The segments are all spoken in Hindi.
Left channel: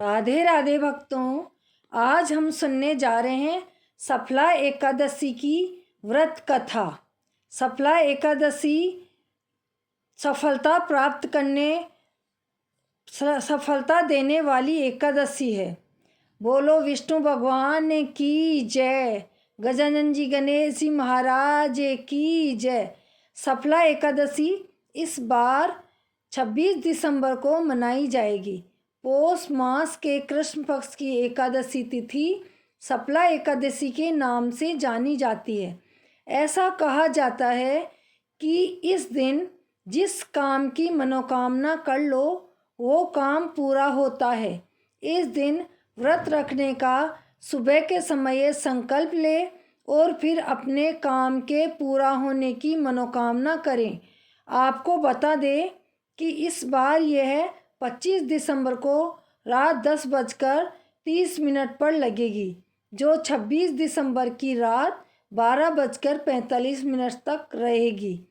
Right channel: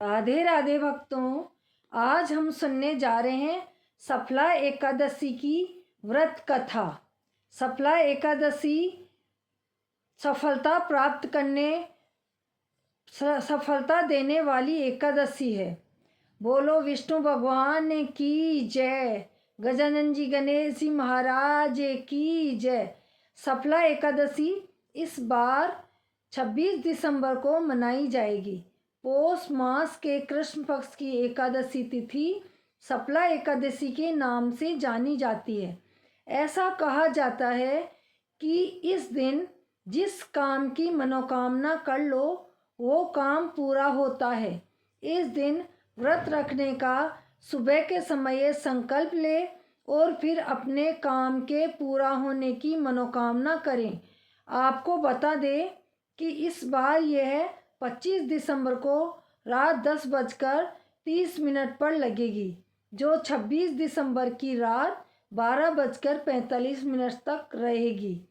राधे राधे भक्तों, आज हम सुनने जा रहे हैं सफला एकादशी की व्रत कथा। सफला एकादशी सफलता देने वाली एकादशी है। बोलो विष्णु भगवान की जय, गजानन जी गणेश जी महाराज की जय। सफला एकादशी इस बार 26 दिसंबर को मनाई जाएगी। पौष मास के कृष्ण पक्ष की एकादशी तिथि सफला एकादशी के नाम से जानी जाती है। ऐसा कहा जाता है कि इस दिन जिस काम की मनोकामना कर लो वो काम पूरा होता है। इस दिन व्रत रखने का सुबह के समय संकल्प ले और फिर अपने काम के पूरा होने की मनोकामना करें। आपको बता दें कि इस बार यह 25 दिसंबर को रात 10:30 पर लगेगी, जो 26 दिसंबर की रात 12:45 तक रहेगी।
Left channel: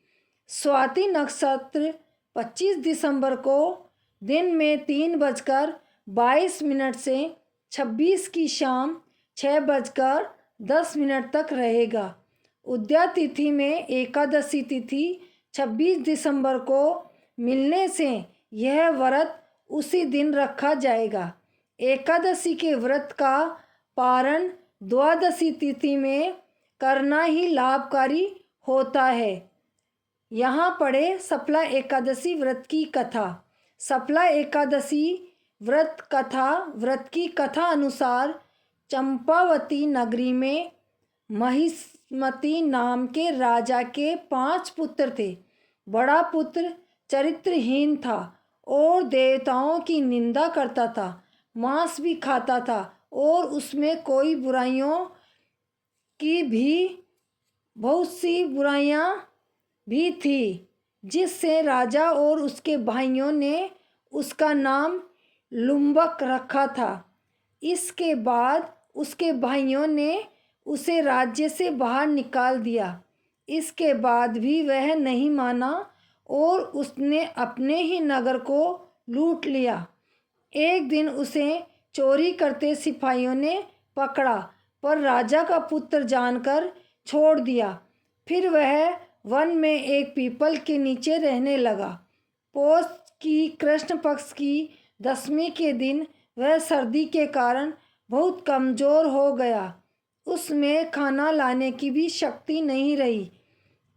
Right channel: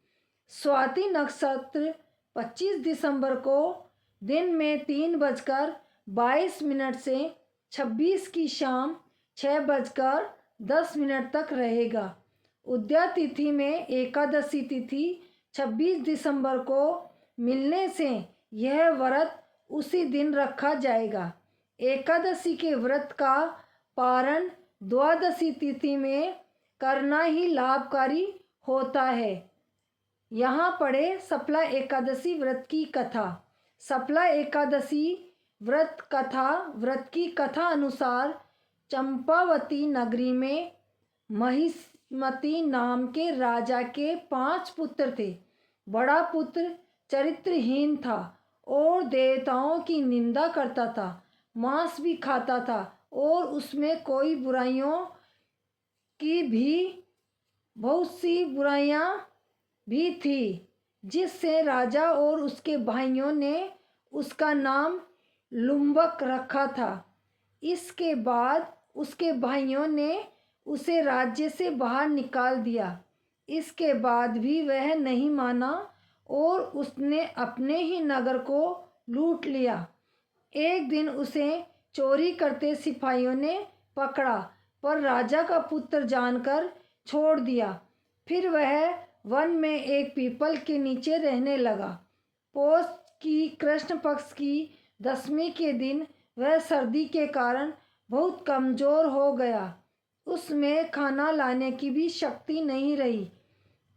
स्वाति नक्षत्र 25 दिसंबर को दिन में 3:22 से 26 की शाम 6:10 तक रहेगा। उदया तिथि में एकादशी तिथि 26 दिसंबर को मिलने से यह व्रत उसी दिन रखा जाएगा। एकादशी के व्रत का पारण द्वादशी तिथि में करना ही लाभकारी होता है। यहाँ पढ़े सफला एकादशी व्रत की कथा। सफला एकादशी व्रत की कथा अनुसार चंपावती नगरी में महिष्मति नाम के राजा के 5 पुत्र थे। बड़ा पुत्र चरित्रहीन था और देवताओं की निंदा करता था, मांस भी खाता था और उसमें कोई बुराइयों की भी बहुत सी बुराइयां भी थी, जिससे राजा और उसके भाइयों ने उसका नाम लुम्बक रखा था। इसके बाद उसके भाइयों ने उसे राज्य से बाहर निकाल दिया। इसके बाद भी वह नहीं माना और उसने अपने ही नगर को लूट लिया। एक दिन उसे चोरी करते सिपाहियों ने पकड़ा, पर राजा का पुत्र जानकर छोड़ दिया। फिर वह वन में एक पीपल के नीचे रहने लगा। पौष की कृष्ण पक्ष की 10वीं के दिन वह सर्दी के कारण बहुत कमज़ोर हो गया। उसमें खाना लाने की भी शक्ति नहीं रही।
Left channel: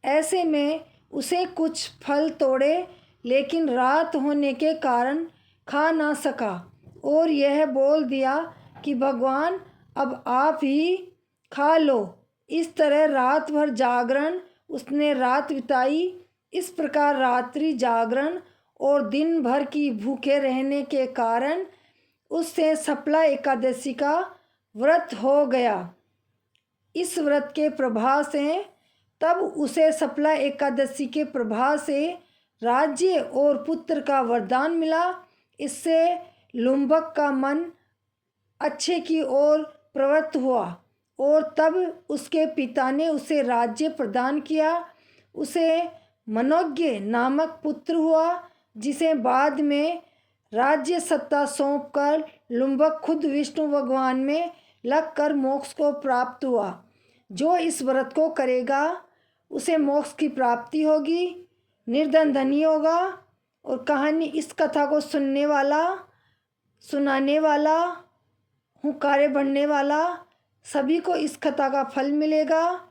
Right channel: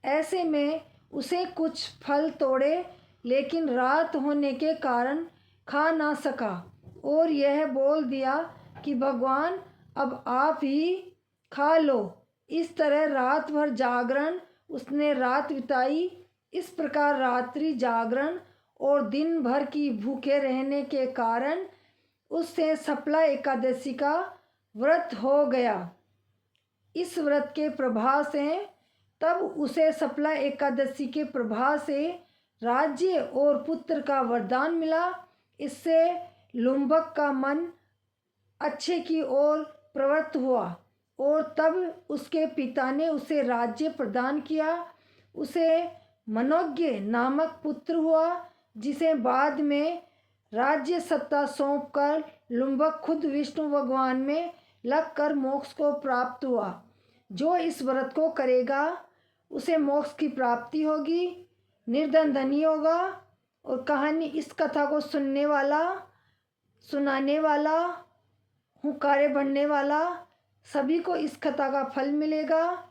ऐसे में उसे कुछ फल तोड़े, लेकिन रात होने के कारण खा ना सका और यह बोल दिया कि भगवान अब आप ही खा लो। इस तरह रात भर जागरण उसने रात बिताई। इस प्रकार रात्रि जागरण और दिन भर की भूखे रहने के कारण उससे सफला एकादशी का व्रत हो गया। इस व्रत के प्रभाव से तब उसे सफला एकादशी के प्रभाव से राज्य और पुत्र का वरदान मिला। इससे लुम्बक का मन अच्छे की ओर प्रवृत्त हुआ और तब उसके पिता ने उसे राज्य प्रदान किया। उसे मनोज्ञ नामक पुत्र हुआ, जिसे बाद में राज्य सत्ता सौंपकर लुम्बक खुद विष्णु भगवान में लगकर मोक्ष को प्राप्त हुआ। जो इस व्रत को करेगा उसे मोक्ष की प्राप्ति होगी, निर्धन धनी होगा। और कहानी इस कथा को सुनने वाला, सुनाने वाला, हुंकारे भरने वाला सभी को इस कथा का फल मिलेगा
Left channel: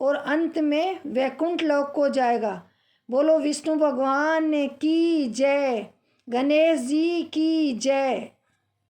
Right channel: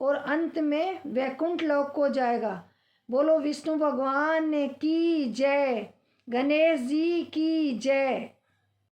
और अंत में वैकुंठ लोक को जाएगा। बोलो विष्णु भगवान की जय, गणेश जी की जय।